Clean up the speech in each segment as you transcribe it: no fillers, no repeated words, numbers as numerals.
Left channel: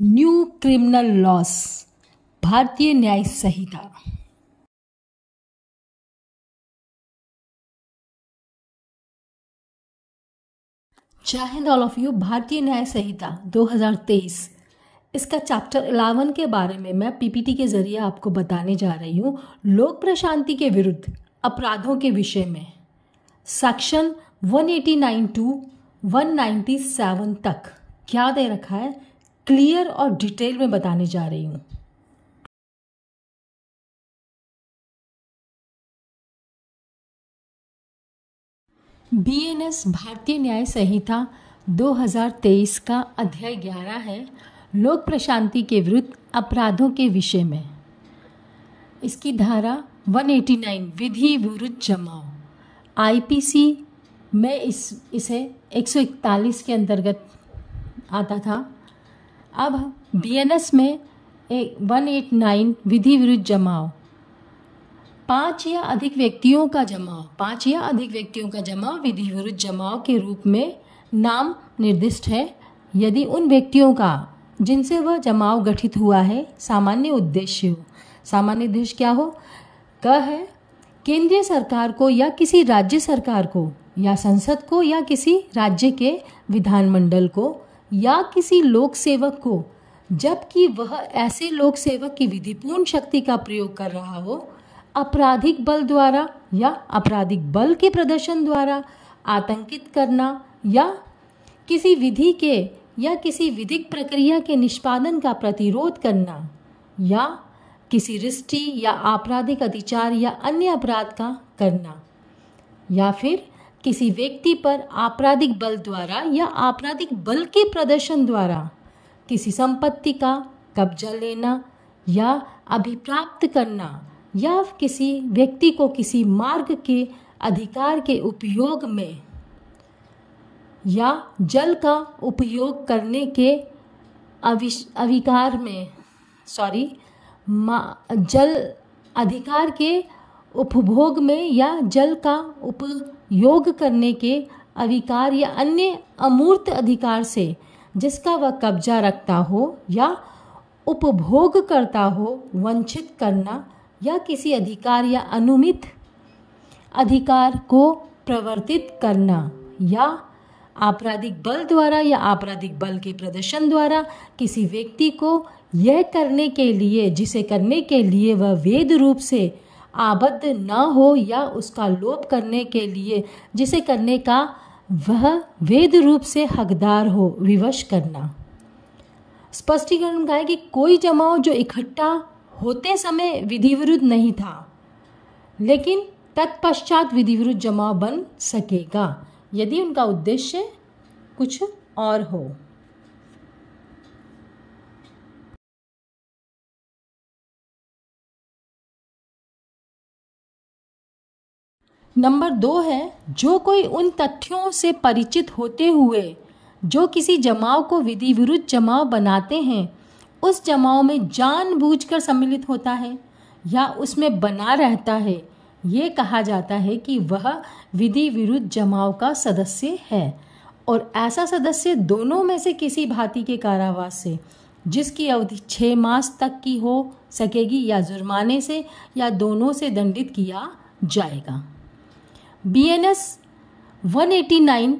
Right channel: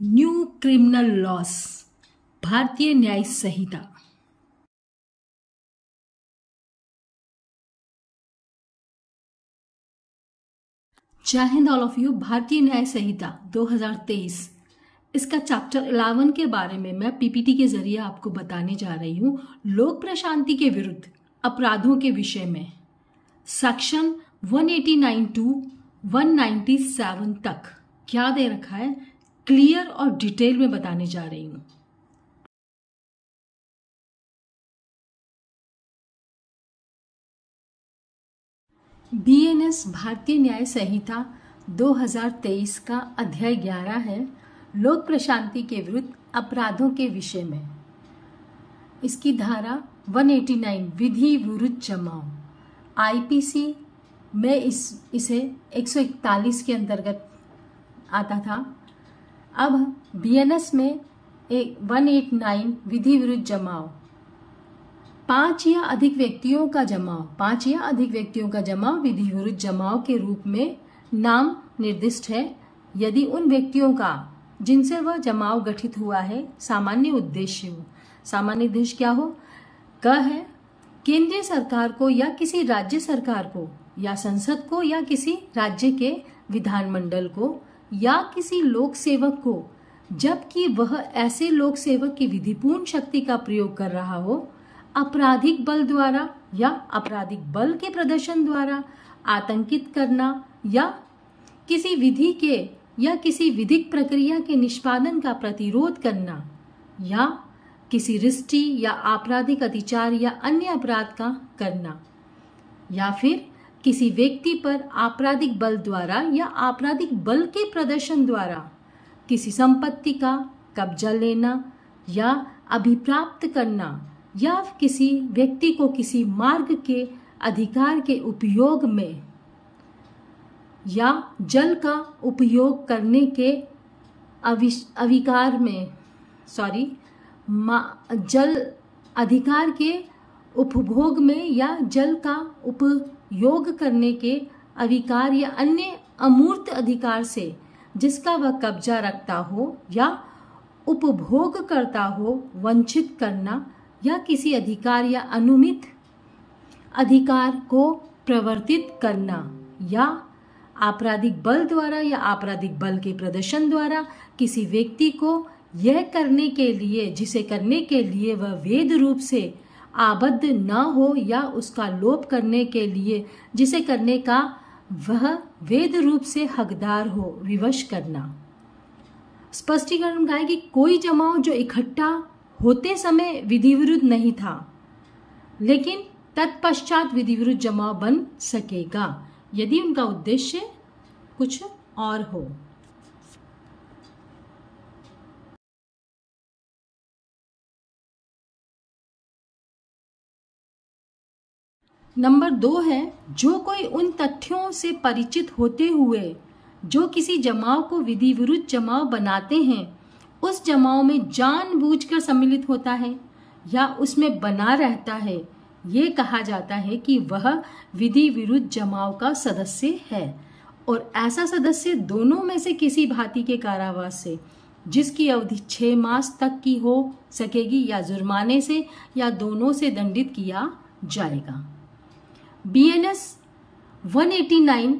New criminal loss, भारतीय न्याय संहिता। जय हिंद ऑल ऑफ यू। भारतीय न्याय संहिता 2023, इसका चैप्टर 11 के बारे में मैं पीपीटी के जरिए आपको बताने जा रही हूँ। लोक प्रशांति के विरुद्ध अपराधों के विषय में सेक्शन 189 to 197 तक क्या दे रखा है, क्लियर और डिटेल में बताने जा रही हूँ। बीएनएस भारतीय न्याय संहिता 2023 का अध्याय 11 है, लोक प्रशांति के विरुद्ध अपराधों के विषय में। इसकी धारा 189 विधि विरुद्ध जमाव, आईपीसी में इसे 141 के अंतर्गत आता था। अब बीएनएस में 189 विधि विरुद्ध जमाव, 5 या अधिक व्यक्तियों का जमाव विधि विरुद्ध जमाव के रूप में नाम निर्दिष्ट है यदि उन व्यक्तियों का जिनसे वह जमाव गठित हुआ है सामान्य उद्देश्य हो। सामान्य उद्देश्य क्या हो? क है केंद्रीय सरकार को या किसी राज्य सरकार को या संसद को या किसी राज्य के विधानमंडल को या किसी लोक सेवक को, जबकि वह ऐसे लोक सेवक की विधिपूर्ण शक्ति का प्रयोग कर रहा हो, आपराधिक बल द्वारा या आपराधिक बल के प्रदर्शन द्वारा आतंकित करना या किसी विधि के या किसी विधिक प्रक्रिया के निष्पादन का प्रतिरोध करना या किसी रिष्टि या आपराधिक अतिचार या अन्य अपराध का करना, या फिर किसी व्यक्ति पर आपराधिक बल द्वारा या आपराधिक बल के प्रदर्शन द्वारा किसी संपत्ति का कब्जा लेना या अभिप्राप्त करना, या किसी व्यक्ति को किसी मार्ग के अधिकार के उपयोग में या जल का उपयोग करने के जल अधिकार के उपभोग में या जल का उपयोग करने के अधिकार या अन्य अमूर्त अधिकार से जिसका वह कब्जा रखता हो या उपभोग करता हो वंचित करना, या किसी अधिकार या अनुमित अधिकार को प्रवर्तित करना, या आपराधिक बल द्वारा या आपराधिक बल के प्रदर्शन द्वारा किसी व्यक्ति को यह करने के लिए जिसे करने के लिए वह वेद रूप से आबद्ध न हो या उसका लोप करने के लिए जिसे करने का वह वेद रूप से हकदार हो, विवश करना। स्पष्टीकरण का है कि कोई जमाव जो इकट्ठा होते समय विधि विरुद्ध नहीं था लेकिन तत्पश्चात विधि विरुद्ध जमाव बन सकेगा यदि उनका उद्देश्य कुछ और हो। नंबर 2 है, जो कोई उन तथ्यों से परिचित होते हुए जो किसी जमाव को विधि विरुद्ध जमाव बनाते हैं उस जमाव में जानबूझकर सम्मिलित होता है या उसमें बना रहता है, ये कहा जाता है कि वह विधि विरुद्ध जमाव का सदस्य है। और ऐसा सदस्य दोनों में से किसी भांति के कारावास से जिसकी अवधि 6 मास तक की हो सकेगी या जुर्माने से या दोनों से दंडित किया जाएगा। बीएनएस 189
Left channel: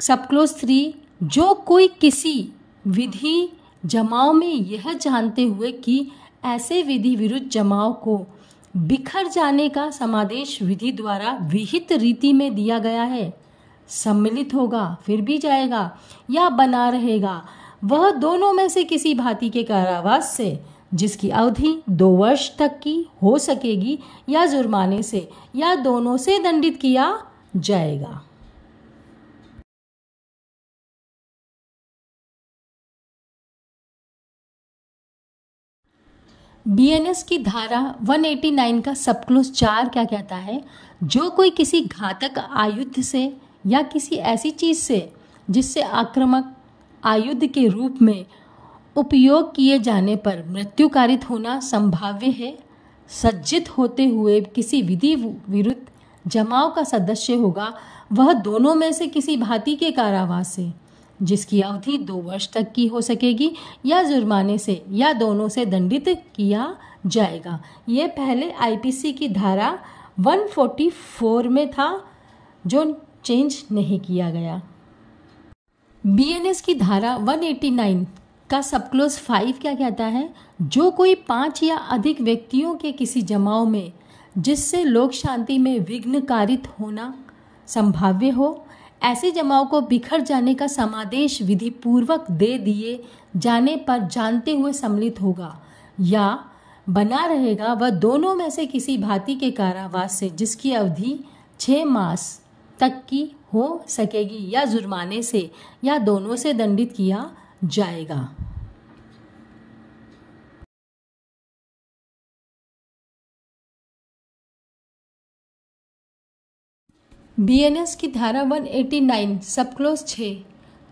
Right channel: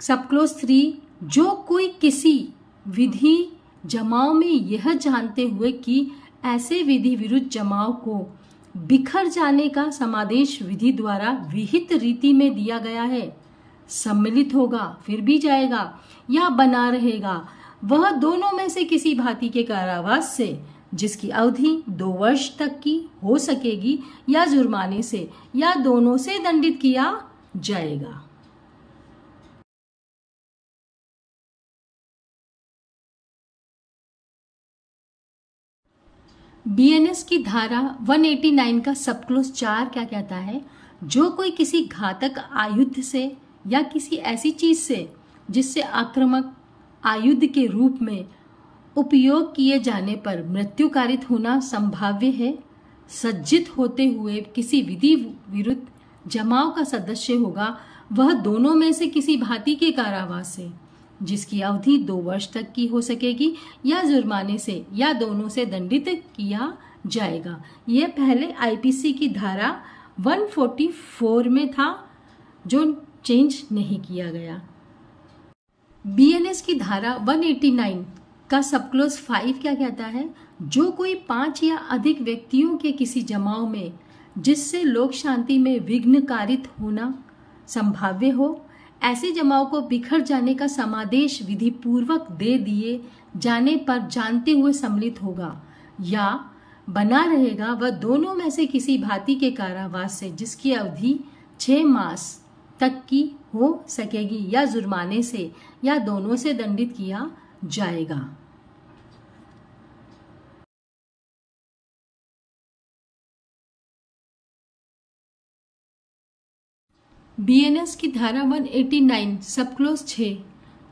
सब क्लोज 3, जो कोई किसी विधि जमाव में यह जानते हुए कि ऐसे विधि विरुद्ध जमाव को बिखर जाने का समादेश विधि द्वारा विहित रीति में दिया गया है, सम्मिलित होगा फिर भी जाएगा या बना रहेगा, वह दोनों में से किसी भांति के कारावास से जिसकी अवधि 2 वर्ष तक की हो सकेगी या जुर्माने से या दोनों से दंडित किया जाएगा। बीएनएस की धारा 189 का सब क्लोज 4 क्या कहता है? जो कोई किसी घातक आयुध से या किसी ऐसी चीज से जिससे आक्रामक आयुध के रूप में उपयोग किए जाने पर मृत्यु कारित होना संभाव्य है, सज्जित होते हुए किसी विधि विरुद्ध जमाव का सदस्य होगा, वह दोनों में से किसी भांति के कारावास से जिसकी अवधि 2 वर्ष तक की हो सकेगी या जुर्माने से या दोनों से दंडित किया जाएगा। यह पहले आईपीसी की धारा 144 में था, जो चेंज नहीं किया गया। बीएनएस की धारा 189 का सब क्लोज 5 क्या कहता है? जो कोई 5 या अधिक व्यक्तियों के किसी जमाव में जिससे लोक शांति में विघ्न कारित होना संभाव्य हो, ऐसे जमाव को बिखर जाने का समादेश विधि पूर्वक दे दिए जाने पर जानते हुए सम्मिलित होगा या बना रहेगा, वह दोनों में से किसी भांति के कारावास से जिसकी अवधि 6 मास तक की हो सकेगी या जुर्माने से या दोनों से दंडित किया जाएगा। बीएनएस की धारा 189 सब क्लोज 6,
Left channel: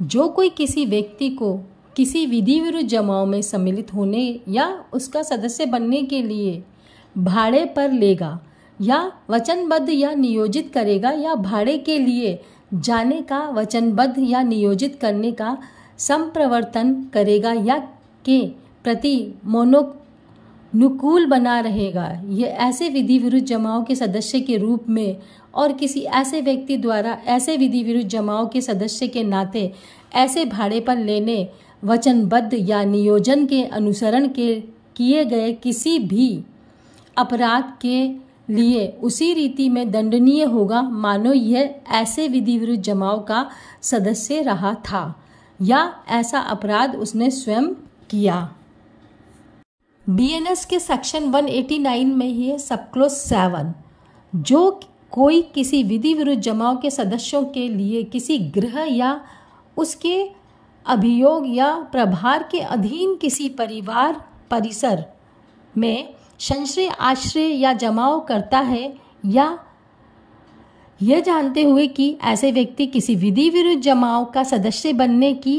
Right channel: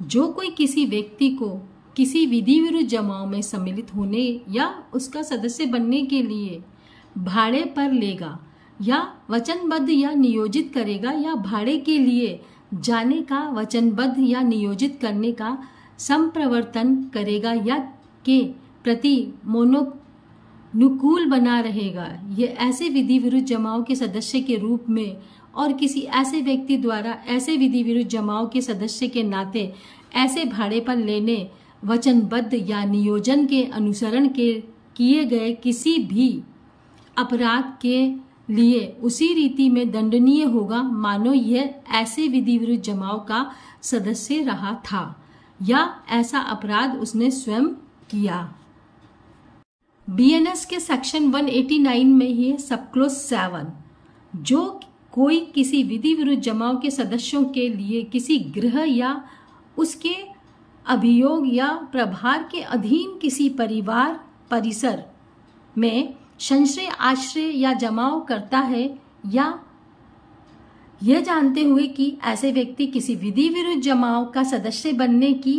जो कोई किसी व्यक्ति को किसी विधि विरुद्ध जमाव में सम्मिलित होने या उसका सदस्य बनने के लिए भाड़े पर लेगा या वचनबद्ध या नियोजित करेगा या भाड़े के लिए जाने का वचनबद्ध या नियोजित करने का संप्रवर्तन करेगा या के प्रति मोनोनुकूल बना रहेगा, ये ऐसे विधि विरुद्ध जमाव के सदस्य के रूप में और किसी ऐसे व्यक्ति द्वारा ऐसे विधि विरुद्ध जमाव के सदस्य के नाते ऐसे भाड़े पर लेने, वचनबद्ध या नियोजन के अनुसरण के किए गए किसी भी अपराध के लिए उसी रीति में दंडनीय होगा मानो यह ऐसे विधि विरुद्ध जमाव का सदस्य रहा था या ऐसा अपराध उसने स्वयं किया। बीएनएस के सेक्शन 189 में ही है सब क्लोज 7, जो कोई किसी विधि विरुद्ध जमाव के सदस्यों के लिए किसी गृह या उसके अभियोग या प्रभार के अधीन किसी परिवार परिसर में संश्रय आश्रय या जमाव करता है या यह जानते हुए कि ऐसे व्यक्ति किसी विधि विरुद्ध जमाव का सदस्य बनने के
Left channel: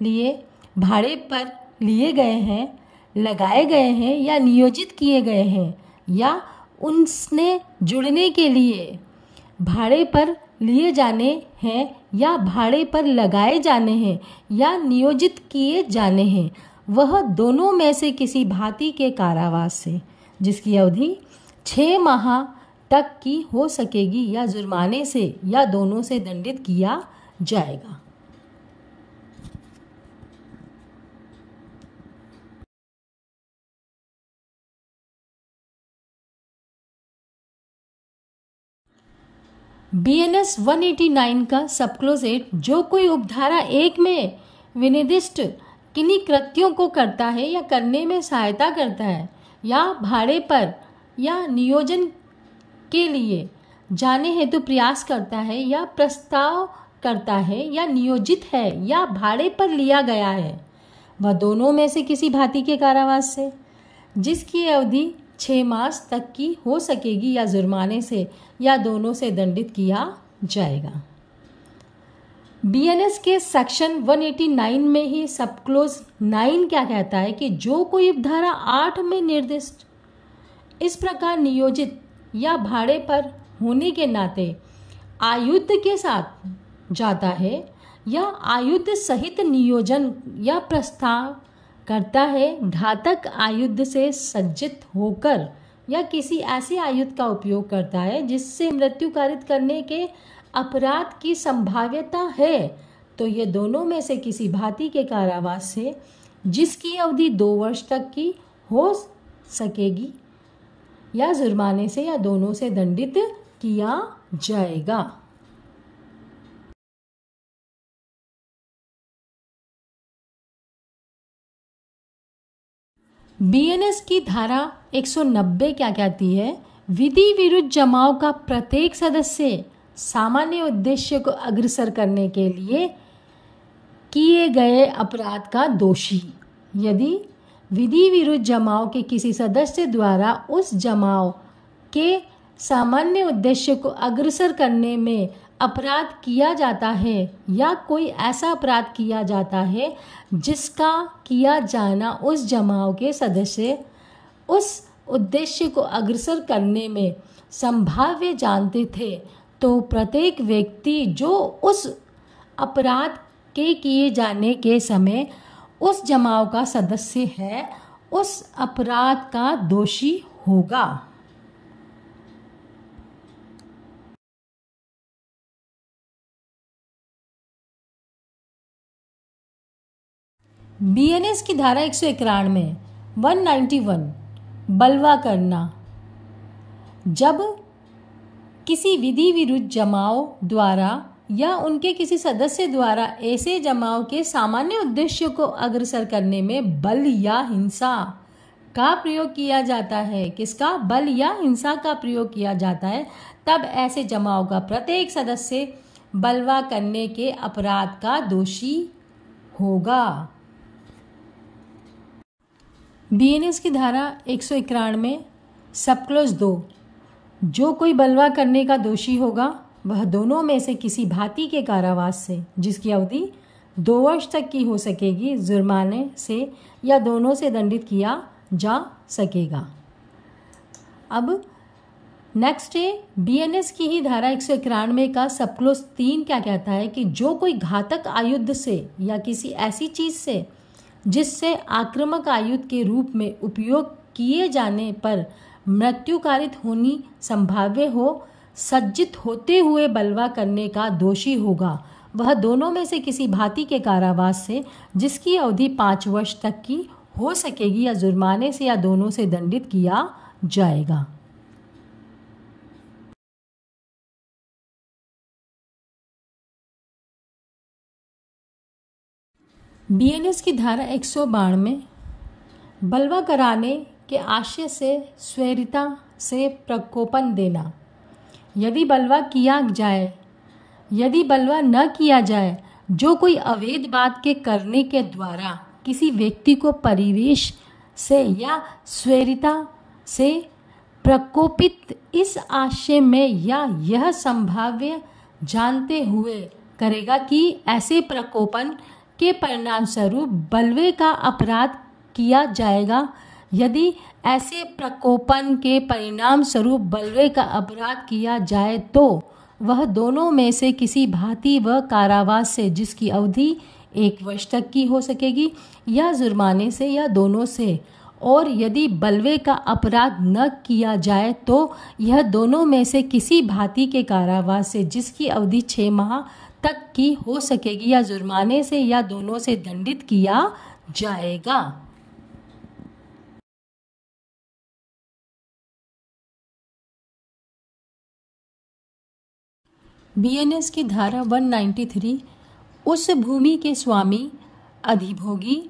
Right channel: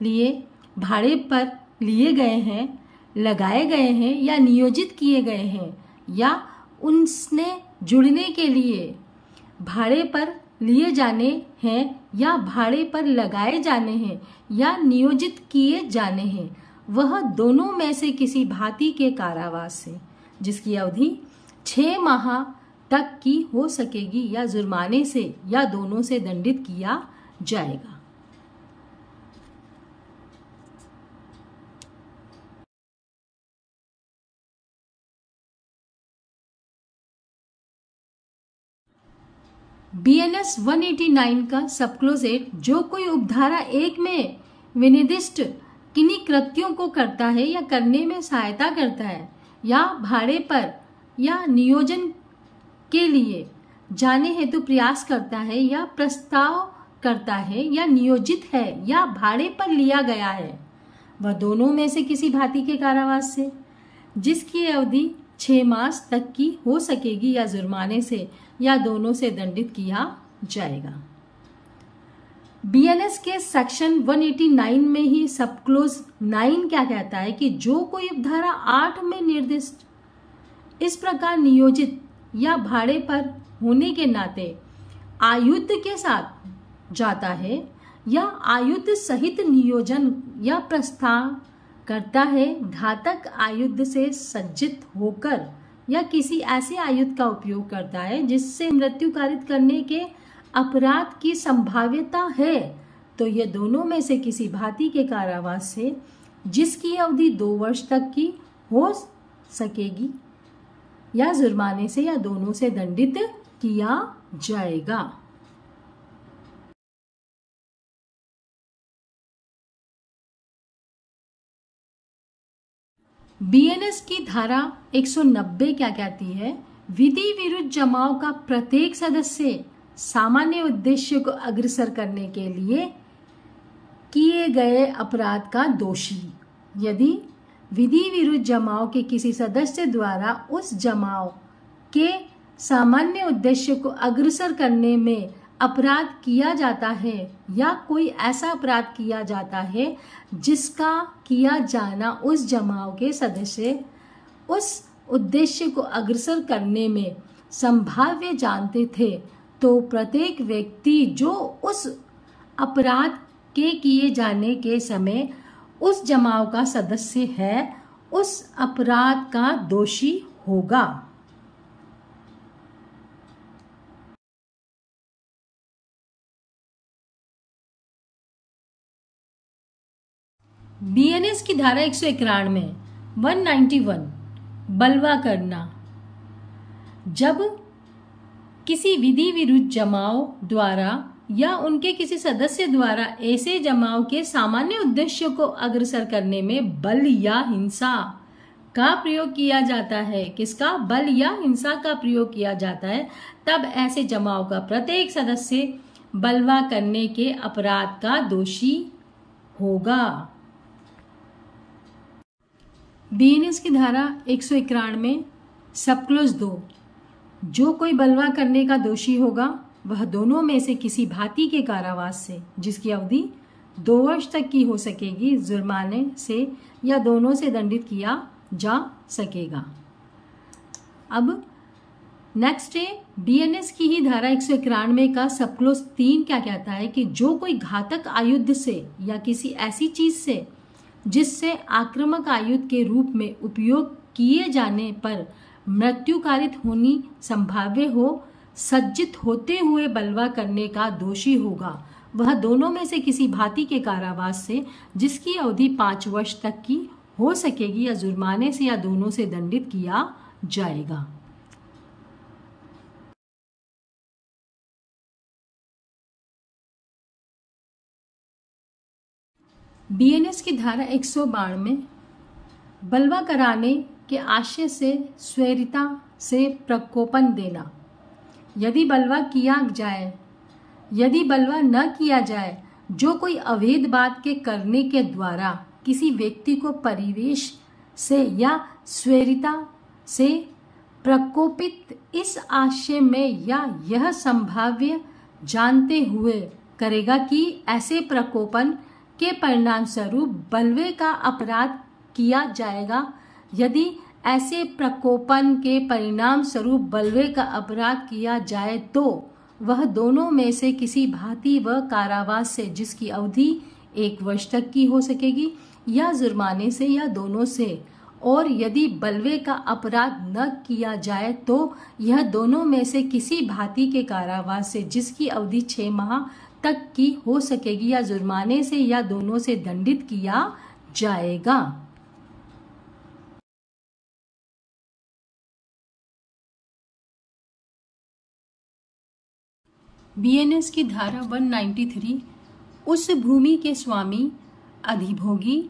लिए भाड़े पर लिए गए हैं, लगाए गए हैं या नियोजित किए गए हैं या उनसे जुड़ने के लिए भाड़े पर लिए जाने हैं या भाड़े पर लगाए जाने हैं या नियोजित किए जाने हैं, वह दोनों में से किसी भांति के कारावास से जिसकी अवधि 6 माह तक की हो सकेगी या जुर्माने से या दोनों से दंडित किया जाएगा। बीएनएस 189 का सब क्लोज 8, जो कोई उपधारा 1 में विनिर्दिष्ट किन्हीं कृत्यों को करता है या करने में सहायता करता है या भाड़े पर या नियोजन के लिए जाने हेतु प्रयास करता है या प्रस्ताव करता है या नियोजित है या भाड़े पर लिया गया है, वह दोनों में से किसी भांति के कारावास से जिसकी अवधि 6 मास तक की हो सकेगी या जुर्माने से या दोनों से दंडित किया जाएगा। बीएनएस के सेक्शन 189 में ही सब क्लोज 9 क्या कहता है कि जो कोई उपधारा 8 में निर्दिष्ट इस प्रकार नियोजित या भाड़े पर होने के नाते आयुध के साथ जाता है या आयुध सहित नियोजन या प्रस्ताव करता है, घातक आयुध से सज्जित होकर या किसी ऐसे आयुध का उपयोग करता है जिससे मृत्यु कारित करने के अपराध की संभाव्यता है, तो ये दोनों में से किसी भांति के कारावास से जिसकी अवधि 2 वर्ष तक की हो सकेगी या जुर्माने से या दोनों से दंडित किया जाएगा। बीएनएस की धारा 190 क्या कहती है? विधि विरुद्ध जमाव का प्रत्येक सदस्य सामान्य उद्देश्य को अग्रसर करने के लिए किए गए अपराध का दोषी, यदि विधि विरुद्ध जमाव के किसी सदस्य द्वारा उस जमाव के सामान्य उद्देश्य को अग्रसर करने में अपराध किया जाता है या कोई ऐसा अपराध किया जाता है जिसका किया जाना उस जमाव के सदस्य उस उद्देश्य को अग्रसर करने में संभाव्य जानते थे, तो प्रत्येक व्यक्ति जो उस अपराध के किए जाने के समय उस जमाव का सदस्य है, उस अपराध का दोषी होगा। बीएनएस की धारा 191 191 बलवा करना। जब किसी विधि विरुद्ध जमाव द्वारा या उनके किसी सदस्य द्वारा ऐसे जमाव के सामान्य उद्देश्य को अग्रसर करने में बल या हिंसा का प्रयोग किया जाता है, किसका? बल या हिंसा का प्रयोग किया जाता है, तब ऐसे जमाव का प्रत्येक सदस्य बलवा करने के अपराध का दोषी होगा। बीएनएस की धारा 191 सब क्लॉज 2 जो कोई बलवा करने का दोषी होगा वह दोनों में से किसी भांति के कारावास से जिसकी अवधि 2 वर्ष तक की हो सकेगी, जुर्माने से या दोनों से दंडित किया जा सकेगा। अब नेक्स्ट है बीएनएस की ही धारा 191 का सब क्लॉज 3 क्या कहता है कि जो कोई घातक आयुध से या किसी ऐसी चीज से जिससे आक्रामक आयुध के रूप में उपयोग किए जाने पर मृत्यु कारित होनी संभाव्य हो, सज्जित होते हुए बलवा करने का दोषी होगा, वह दोनों में से किसी भांति के कारावास से जिसकी अवधि 5 वर्ष तक की हो सकेगी या जुर्माने से या दोनों से दंडित किया जाएगा। बीएनएस की धारा 192 बलवा कराने के आशय से स्वेरिता से प्रकोपन देना। यदि बलवा किया जाए, यदि बलवा न किया जाए, जो कोई अवैध बात के करने के द्वारा किसी व्यक्ति को परिवेश से या स्वेरिता से प्रकोपित इस आशय में या यह संभाव्य जानते हुए करेगा कि ऐसे प्रकोपन के परिणाम स्वरूप बलवे का अपराध किया जाएगा, यदि ऐसे प्रकोपन के परिणाम स्वरूप बलवे का अपराध किया जाए तो वह दोनों में से किसी भांति व कारावास से जिसकी अवधि 1 वर्ष तक की हो सकेगी या जुर्माने से या दोनों से, और यदि बलवे का अपराध न किया जाए तो यह दोनों में से किसी भांति के कारावास से जिसकी अवधि 6 माह तक की हो सकेगी या जुर्माने से या दोनों से दंडित किया जाएगा। बीएनएस की धारा 193 उस भूमि के स्वामी, अधिभोगी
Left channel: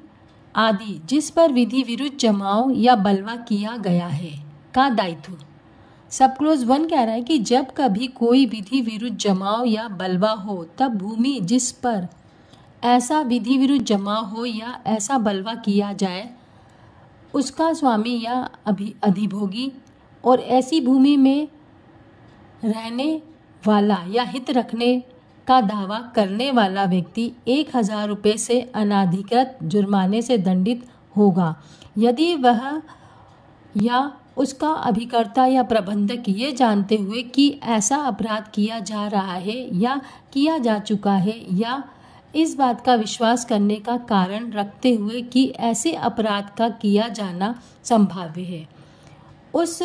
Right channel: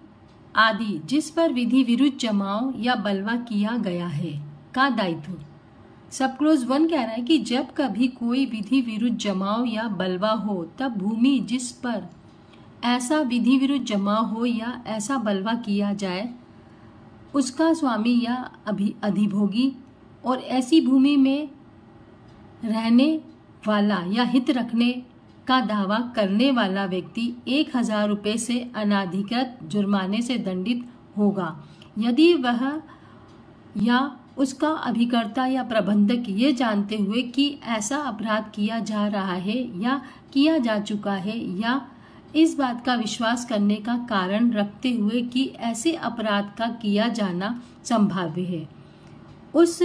आदि जिस पर विधि विरुद्ध जमाव या बलवा किया गया है का दायित्व। सब क्लोज 1 कह रहा है कि जब कभी कोई विधि विरुद्ध जमाव या बलवा हो तब भूमि जिस पर ऐसा विधि विरुद्ध जमाव हो या ऐसा बलवा किया जाए उसका स्वामी या अधिभोगी और ऐसी भूमि में रहने वाला या हित रखने का दावा करने वाला व्यक्ति 1000 रुपये से अनाधिकृत जुर्माने से दंडित होगा, यदि वह या उसका अभिकर्ता या प्रबंधक ये जानते हुए कि ऐसा अपराध किया जा रहा है या किया जा चुका है या इस बात का विश्वास करने का कारण रखते हुए कि ऐसे अपराध का किया जाना संभाव्य है, उस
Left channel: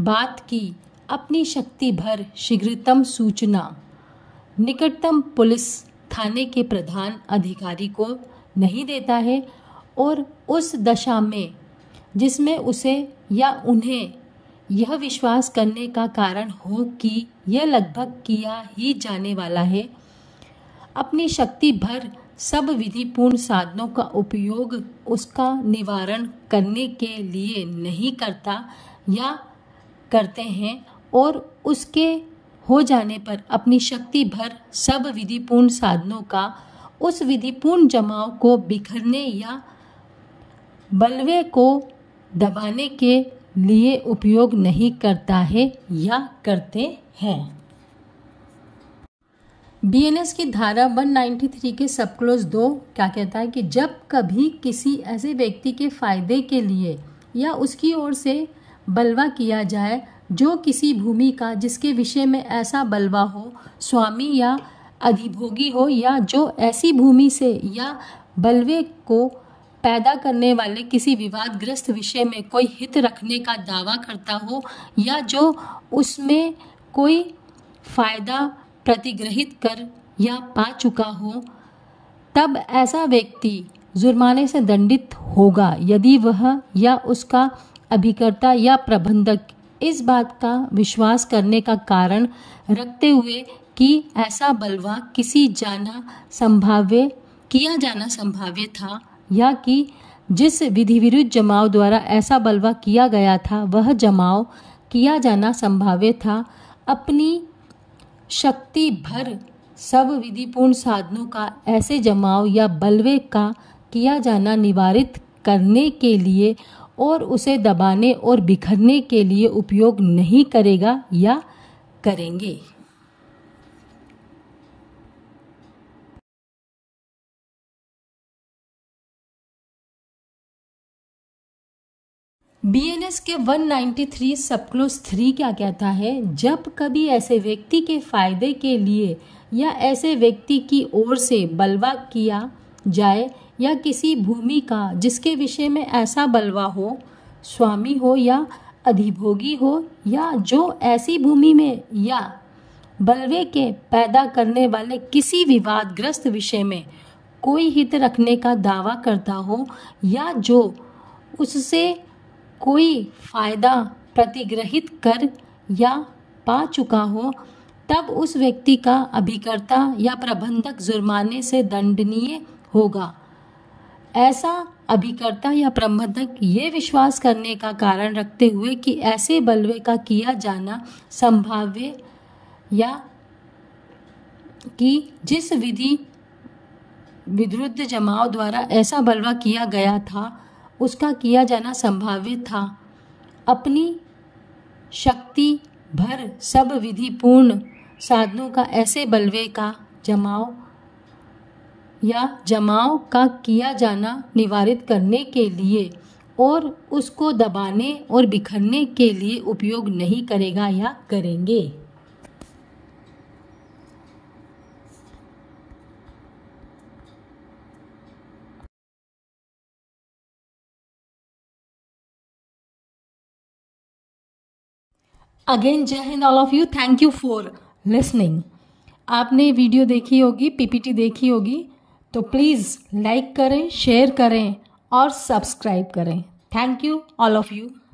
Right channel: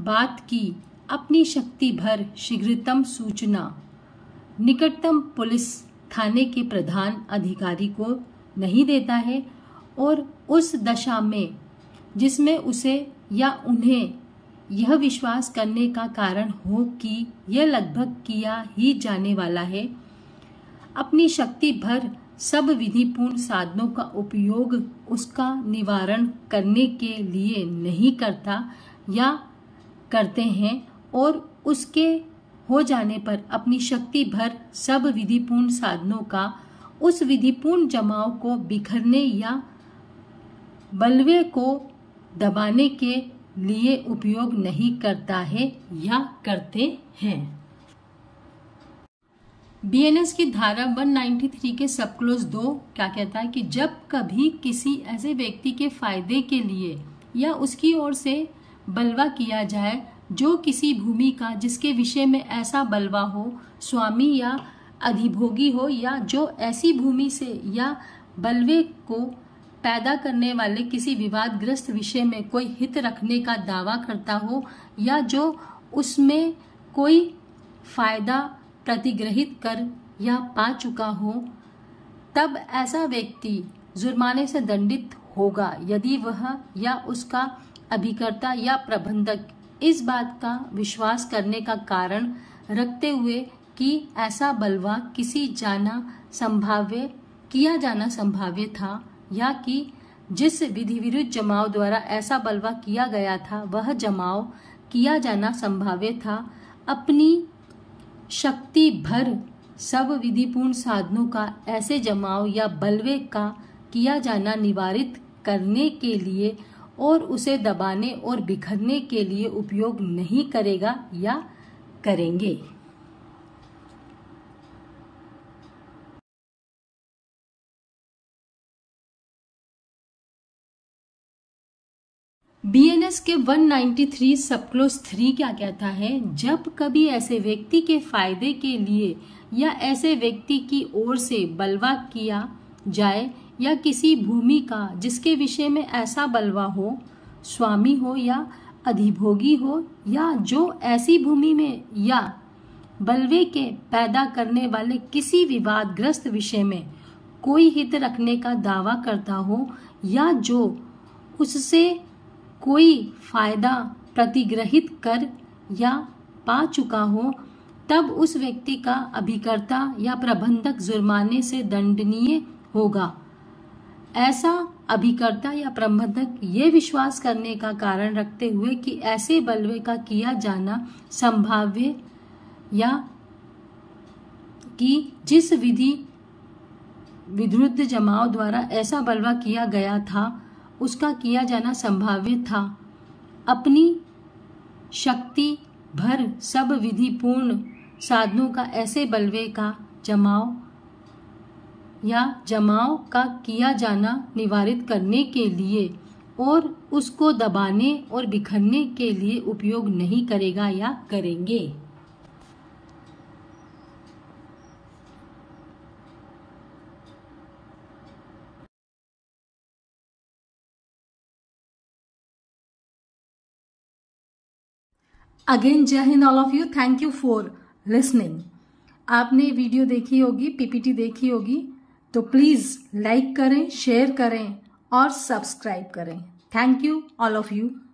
बात की अपनी शक्ति भर शीघ्रतम सूचना निकटतम पुलिस थाने के प्रधान अधिकारी को नहीं देता है और उस दशा में जिसमें उसे या उन्हें यह विश्वास करने का कारण हो कि यह लगभग किया ही जाने वाला है, अपनी शक्ति भर सब विधिपूर्ण साधनों का उपयोग उसका निवारण करने के लिए नहीं करता या करते हैं और उसके हो जाने पर अपनी शक्ति भर सब विधिपूर्ण साधनों का उस विधिपूर्ण जमाव को बिखरने या बलवे को दबाने के लिए उपयोग नहीं करता है या करते हैं। बीएनएस की धारा 193 के सब क्लोज 2 क्या कहता है कि जब कभी किसी ऐसे व्यक्ति के फायदे के लिए या उसकी ओर से बलवा किया जाए जो किसी भूमि का जिसके विषय में ऐसा बलवा हो स्वामी या अधिभोगी हो या जो ऐसी भूमि से या बलवे को पैदा करने वाले किसी विवादग्रस्त विषय में कोई हित रखने का दावा करता हो या जो उसमें कोई फायदा प्रतिग्रहित कर या पा चुका हो, तब ऐसा व्यक्ति जुर्माने से दंडित होगा यदि वह या उसका अभिकर्ता या प्रबंधक इस बात का विश्वास करने का कारण रखते हुए कि ऐसा बलवा किया जाना संभाव्य था या कि जिस विधि विरुद्ध जमाव द्वारा ऐसा बलवा किया गया था वह जमाव किया जाना संभाव्य था, अपनी शक्ति भर सब विधिपूर्ण साधनों का ऐसे जमाव या बलवे का किया जाना निवारित करने के लिए और उसे दबाने और बिखरने के लिए उपयोग नहीं करेगा या करेंगे। BNS के 193 सब क्लोज 3 क्या कहता है? जब कभी ऐसे व्यक्ति के फायदे के लिए या ऐसे व्यक्ति की ओर से बलवा किया जाए या किसी भूमि का जिसके विषय में ऐसा बलवा हो, स्वामी हो या अधिभोगी हो या जो ऐसी भूमि में या बलवे के पैदा करने वाले किसी विवादग्रस्त विषय में कोई हित रखने का दावा करता हो या जो उससे कोई फायदा प्रतिग्रहित कर या पा चुका हो, तब उस व्यक्ति का अभिकर्ता या प्रबंधक जुर्माने से दंडनीय होगा। ऐसा अभिकर्ता या प्रबंधक ये विश्वास करने का कारण रखते हुए कि ऐसे बलवे का किया जाना संभाव्य या कि जिस विधि विरुद्ध जमाव द्वारा ऐसा बलवा किया गया था उसका किया जाना संभाव्य था, अपनी शक्ति भर सब विधिपूर्ण साधनों का ऐसे बलवे का जमाव का किया जाना निवारित करने के लिए और उसको दबाने और बिखरने के लिए उपयोग नहीं करेगा या करेंगे। अगेन जय Hind all of you, thank you for listening. आपने वीडियो देखी होगी, पीपीटी देखी होगी, तो प्लीज़ लाइक करें, शेयर करें और सब्सक्राइब करें। Thank you all of you.